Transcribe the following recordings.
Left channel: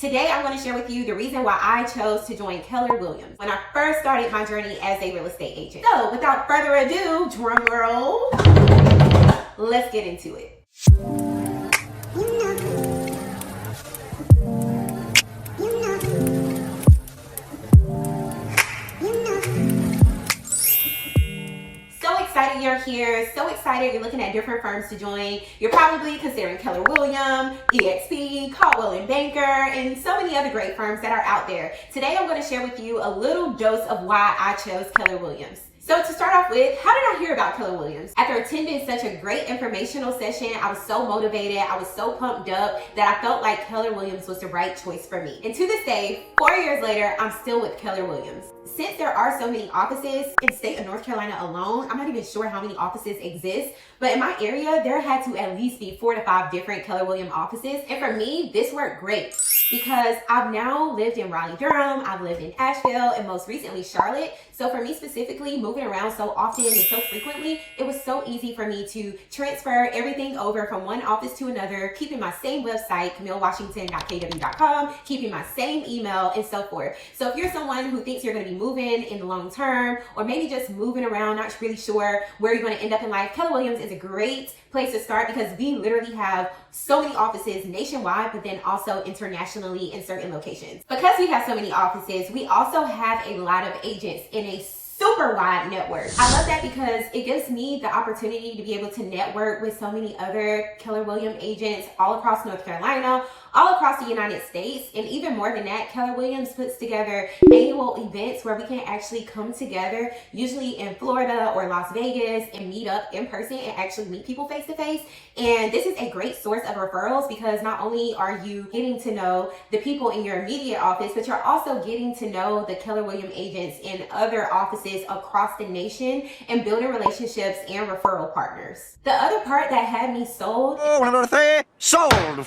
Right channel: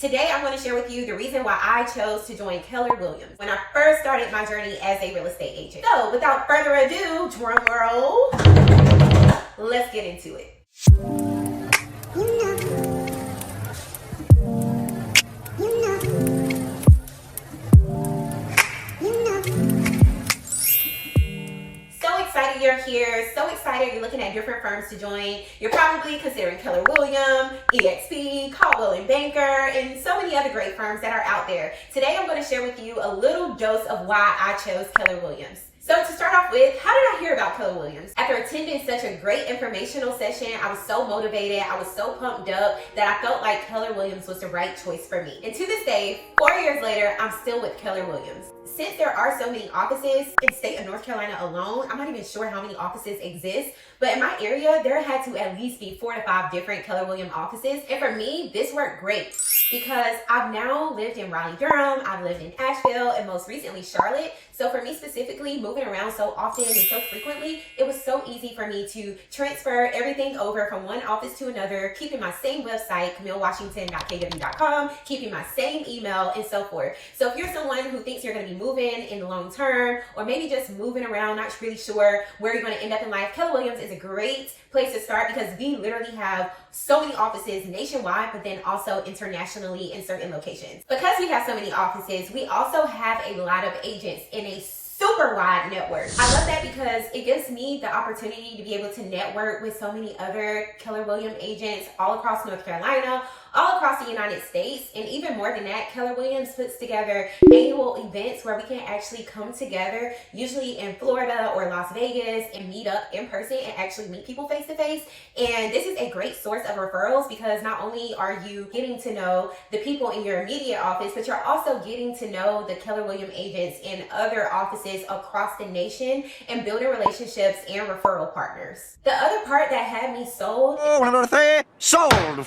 Today, I'm going to share with you the reason why I chose to join Keller Williams when I first started my journey as a real estate agent. So, without further ado, drum roll, let's get into it. You're here, so excited, you're looking at different firms to join. You're probably considering Keller Williams, EXP, Caldwell & Banker, and so many other great firms that are out there. Today I'm going to share with you a little dose of why I chose Keller Williams. So to start off with, how did I hear about Keller Williams? After attending such a great informational session, I was so motivated, I was so pumped up that I felt like Keller Williams was the right choice for me. And to this day, 4 years later, I'm still with Keller Williams. Since there are so many offices in the state of North Carolina alone, I'm not even sure how many offices exist, but in my area, there had to at least be 4 to 5 different Keller Williams offices. And for me, this worked great because I've now lived in Raleigh, Durham, I've lived in Asheville, and most recently Charlotte. So for me specifically, moving around so often and so frequently, it was so easy for me to transfer everything over from one office to another, keeping my same website, camillewashington.kw.com, keeping my same email, and so forth. So if you're someone who thinks you're going to be moving in the long term, or maybe just moving around, not really sure where you're going to end up in life, Keller Williams is a great place to start because we literally have so many offices nationwide, but then also internationally in certain locations. Because we have so many offices, we also have a lot of agents in a super wide network. I love that because it gives me the opportunity to be able to network with so many other Keller Williams agents all across North Carolina, all across the United States, and even more than that, Keller Williams puts together annual events where we can actually come together, usually in Florida or Las Vegas, and meet up in person and actually meet people face to face. And this is a great source of referrals because not only are you getting to know the people in your immediate office, but you're also getting to know the Keller Williams agents in other offices across the nation and building relationships and referral partners. The other part that had me sold for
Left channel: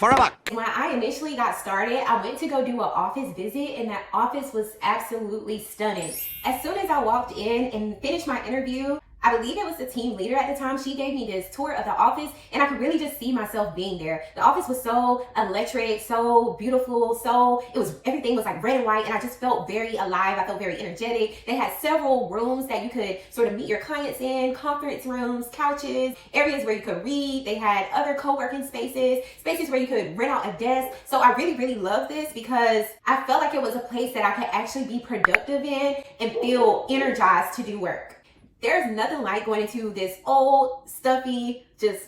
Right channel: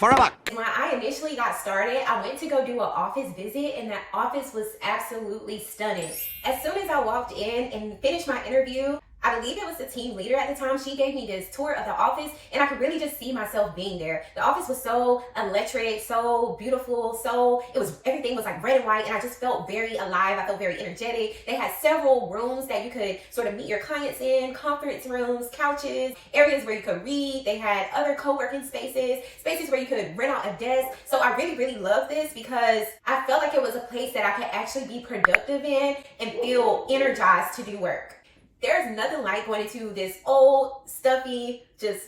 a buck. When I initially got started, I went to go do an office visit, and that office was absolutely stunning. As soon as I walked in and finished my interview, I believe it was the team leader at the time, she gave me this tour of the office, and I could really just see myself being there. The office was so electric, so beautiful, everything was like red and white, and I just felt very alive. I felt very energetic. They had several rooms that you could sort of meet your clients in, conference rooms, couches, areas where you could read. They had other co-working spaces where you could rent out a desk. So I really, really loved this because I felt like it was a place that I could actually be productive in and feel energized to do work. There's nothing like going into this old, stuffy, just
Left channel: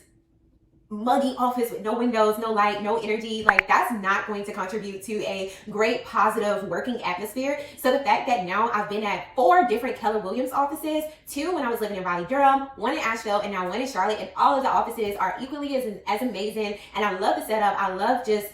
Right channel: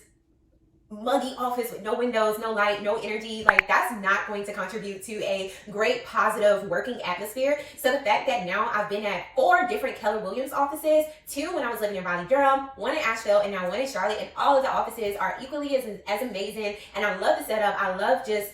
muggy office with no windows, no light, no energy. Like, that's not going to contribute to a great, positive working atmosphere. So the fact that now I've been at 4 different Keller Williams offices, 2 when I was living in Raleigh, Durham, 1 in Asheville, and now 1 in Charlotte, and all of the offices are equally as amazing. And I love the setup. I love just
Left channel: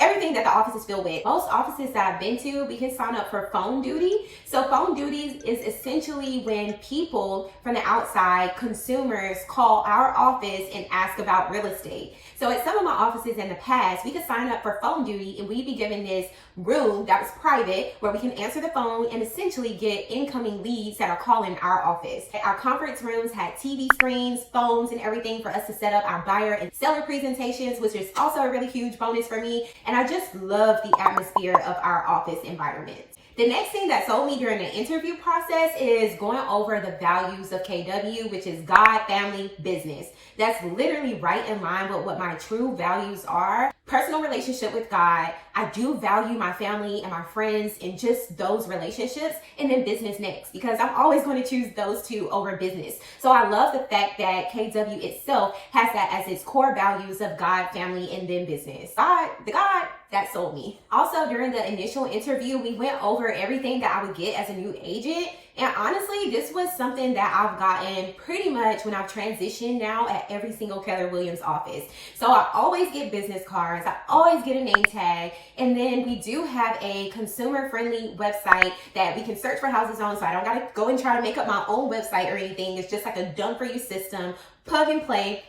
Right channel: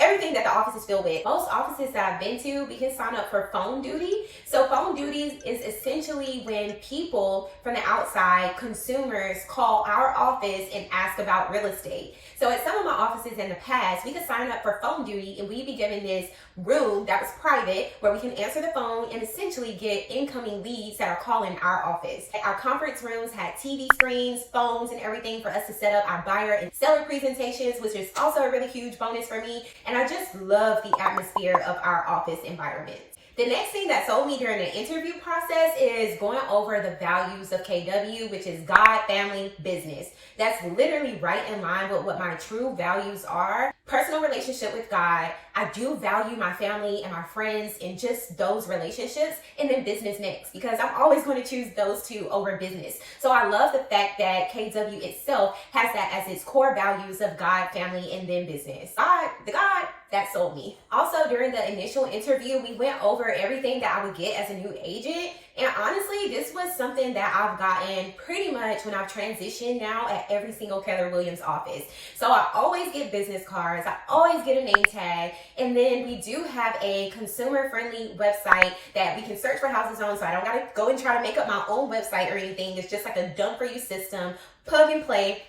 everything that the office is filled with. Most offices that I've been to, we can sign up for phone duty. So phone duty is essentially when people from the outside, consumers, call our office and ask about real estate. So at some of my offices in the past, we could sign up for phone duty and we'd be given this room that was private where we can answer the phone and essentially get incoming leads that are calling our office. Our conference rooms had TV screens, phones, and everything for us to set up our buyer and seller presentations, which is also a really huge bonus for me. And I just love the atmosphere of our office environment. The next thing that sold me during the interview process is going over the values of KW, which is God, family, business. That's literally right in line with what my true values are. Personal relationship with God. I do value my family and my friends and just those relationships, and then business next, because I'm always going to choose those 2 over business. So I love the fact that KW itself has that as its core values of God, family, and then business. The God that sold me. Also, during the initial interview, we went over everything that I would get as a new agent. And honestly, this was something that I've gotten pretty much when I've transitioned now at every single Keller Williams office. So I always get business cards. I always get a name tag. And then we do have a consumer-friendly website that we can search for houses on. So I don't got to go and try to make up my own website or anything. It's just like a done-for-you system, plug and play.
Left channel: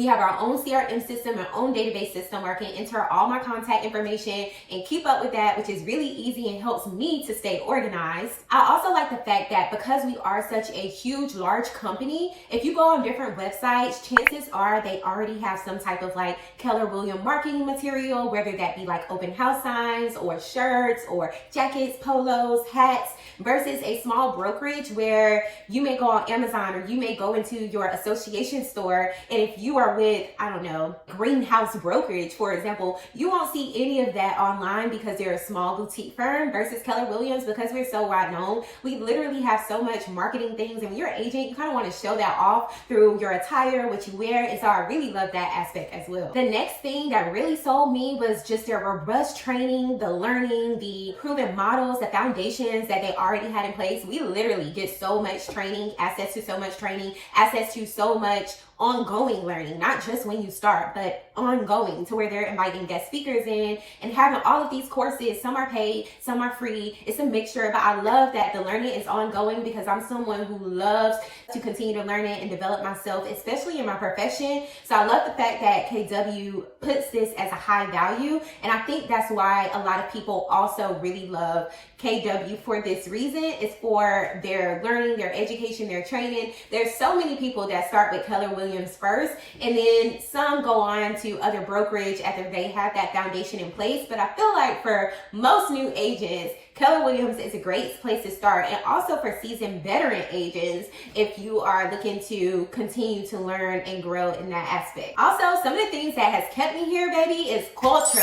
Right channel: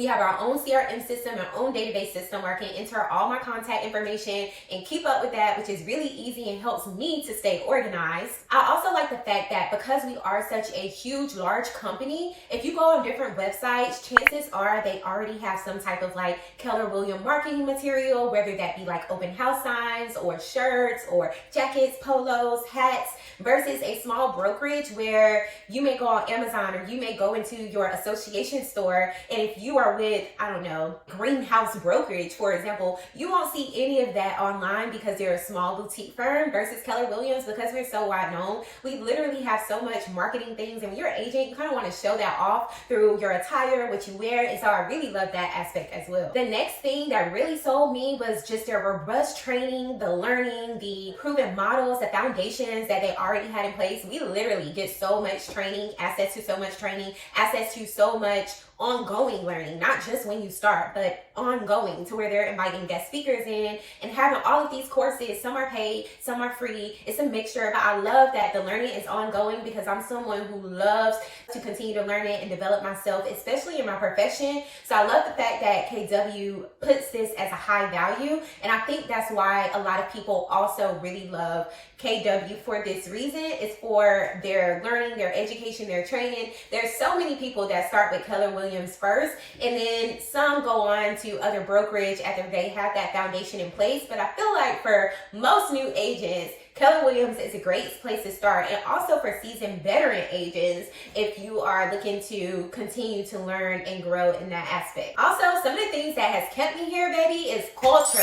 We have our own CRM system, our own database system where I can enter all my contact information and keep up with that, which is really easy and helps me to stay organized. I also like the fact that because we are such a huge, large company, if you go on different websites, chances are they already have some type of like Keller Williams marketing material, whether that be like open house signs or shirts or jackets, polos, hats, versus a small brokerage where you may go on Amazon or you may go into your association store, and if you are with, I don't know, Greenhouse Brokerage, for example, you won't see any of that online because they're a small boutique firm. Versus Keller Williams, because we're so wide known, we literally have so much marketing things, and when you're an agent, you kind of want to show that off through your attire, what you wear, and so I really love that aspect as well. The next thing that really sold me was just their robust training, the learning, the proven models, the foundations that they already had in place. We literally get so much training, access to so much training, access to so much ongoing learning, not just when you start, but ongoing, to where they're inviting guest speakers in and having all of these courses. Some are paid, some are free. It's a mixture, but I love that the learning is ongoing because I'm someone who loves to continue to learn it and develop myself, especially in my profession. So I love the fact that KW puts this as a high value, and I think that's why a lot of people also really love KW for this reason. Is for their learning, their education, their training. There's so many people that start with Keller Williams first, and then some go on to other brokerage after they have that foundation in place. But I feel like for most new agents, Keller Williams is a great place to start, and also for seasoned veteran agents if you are looking to continue to learn and grow in that aspect. Also, some of the things that has kept me here, baby, is culture.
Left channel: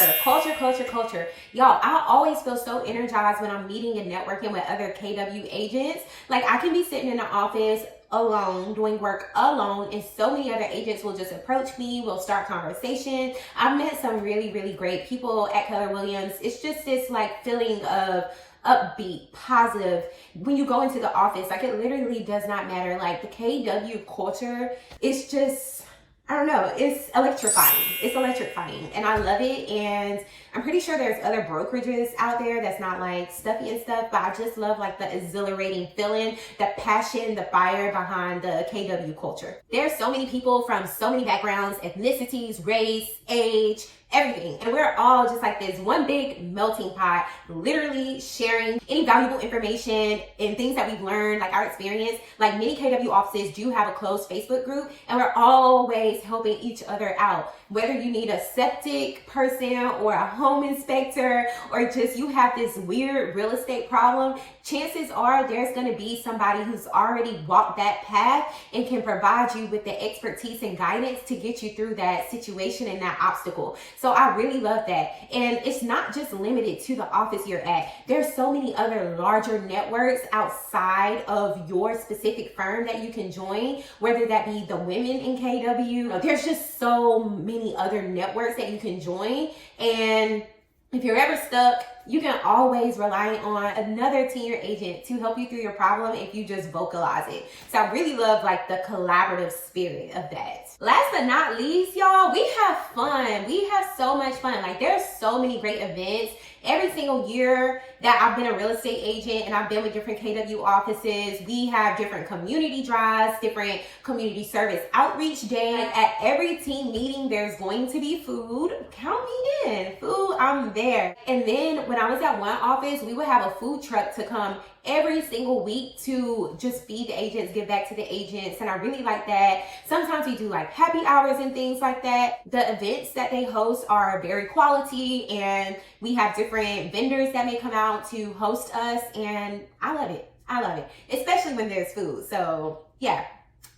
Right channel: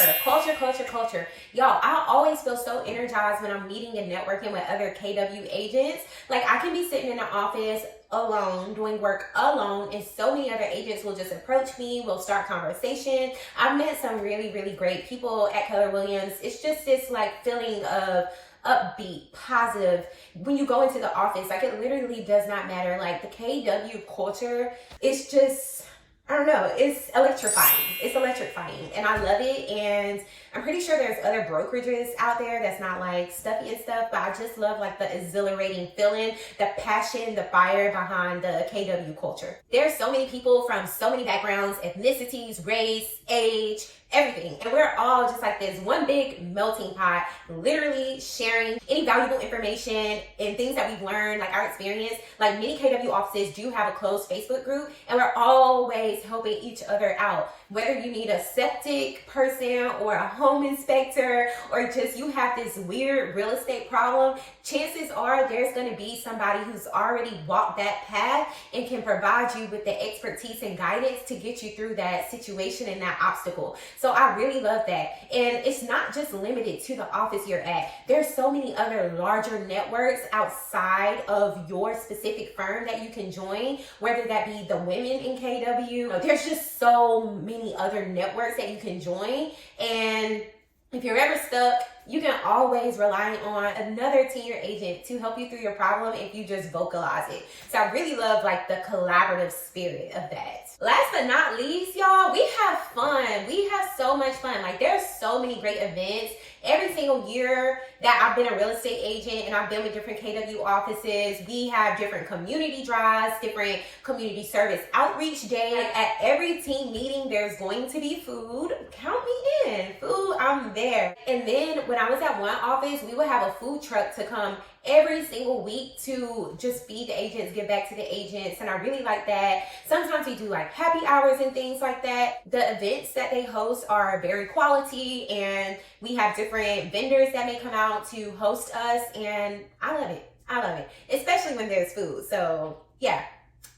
Y'all, I always feel so energized when I'm meeting and networking with other KW agents. Like, I can be sitting in the office alone, doing work alone, and so many other agents will just approach me, will start conversation. I've met some really, really great people at Keller Williams. It's just this like feeling of upbeat, positive. When you go into the office, like, it literally does not matter. Like, the KW culture is just, I don't know, it's electrifying. It's electrifying, and I love it. And I'm pretty sure there's other brokerages out there that's not like stuffy and stuff, but I just love like the exhilarating feeling, the passion, the fire behind the KW culture. There's so many people from so many backgrounds, ethnicities, race, age, everything, and we're all just like this one big melting pot, literally sharing any valuable information and things that we've learned, like our experience. Like, many KW offices do have a closed Facebook group, and we're always helping each other out. Whether you need a septic person or a home inspector, or just you have this weird real estate problem, chances are there's going to be somebody who's already walked that path and can provide you with the expertise and guidance to get you through that situation and that obstacle. So I really love that. And it's not just limited to the office you're at. There's so many other larger networks outside of your specific firm that you can join, whether that be the women in KW. There's just so many other networks that you can join. And if you're ever stuck, you can always rely on another senior agent to help you through your problem if you just vocalize it. So I really love like the collaborative spirit of that. Last but not least, y'all, we have fun. We have so much fun. Like, there's so many great events. Every single year that I've been a real estate agent and I've been with different KW offices, we have different community drives, different community service outreach days. At every team meeting, there's going to be food. Count me in. Food, I'm there. And then when I was at one office, we would have a food truck to come every single week to just feed the agents, give back to the agents, and I really like that. Sometimes we do like happy hours and things like that. The events that they host are very quality, and we have different vendors that may come out to host us, and I love it. I love it, especially when there's food. So yeah,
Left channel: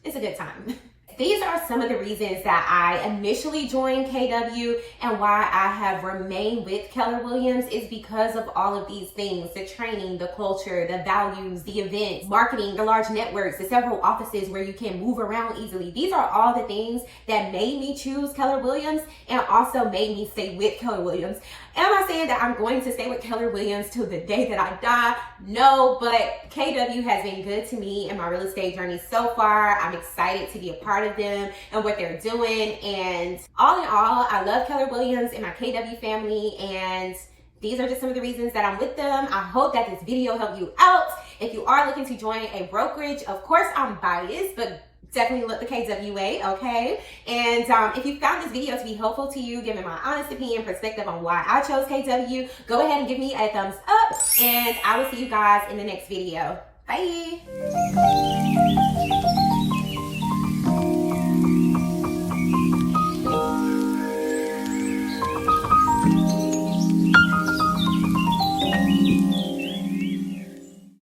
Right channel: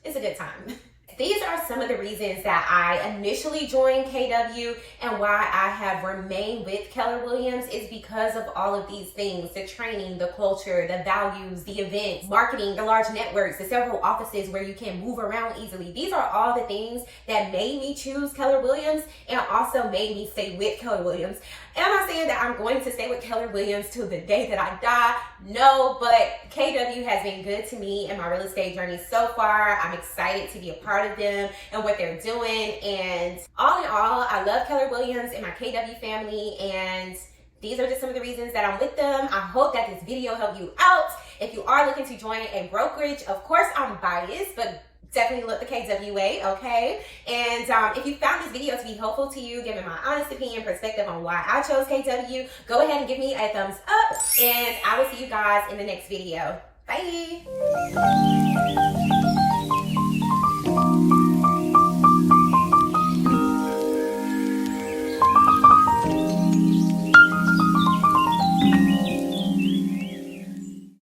it's a good time. These are some of the reasons that I initially joined KW and why I have remained with Keller Williams is because of all of these things: the training, the culture, the values, the events, marketing, the large networks, the several offices where you can move around easily. These are all the things that made me choose Keller Williams and also made me stay with Keller Williams. Am I saying that I'm going to stay with Keller Williams till the day that I die? No, but KW has been good to me in my real estate journey so far. I'm excited to be a part of them and what they're doing. And all in all, I love Keller Williams and my KW family. And these are just some of the reasons that I'm with them. I hope that this video helped you out. If you are looking to join a brokerage, of course I'm biased, but definitely look the KW way, okay? And if you found this video to be helpful to you, giving my honest opinion, perspective on why I chose KW, go ahead and give me a thumbs up, and I will see you guys in the next video. Bye.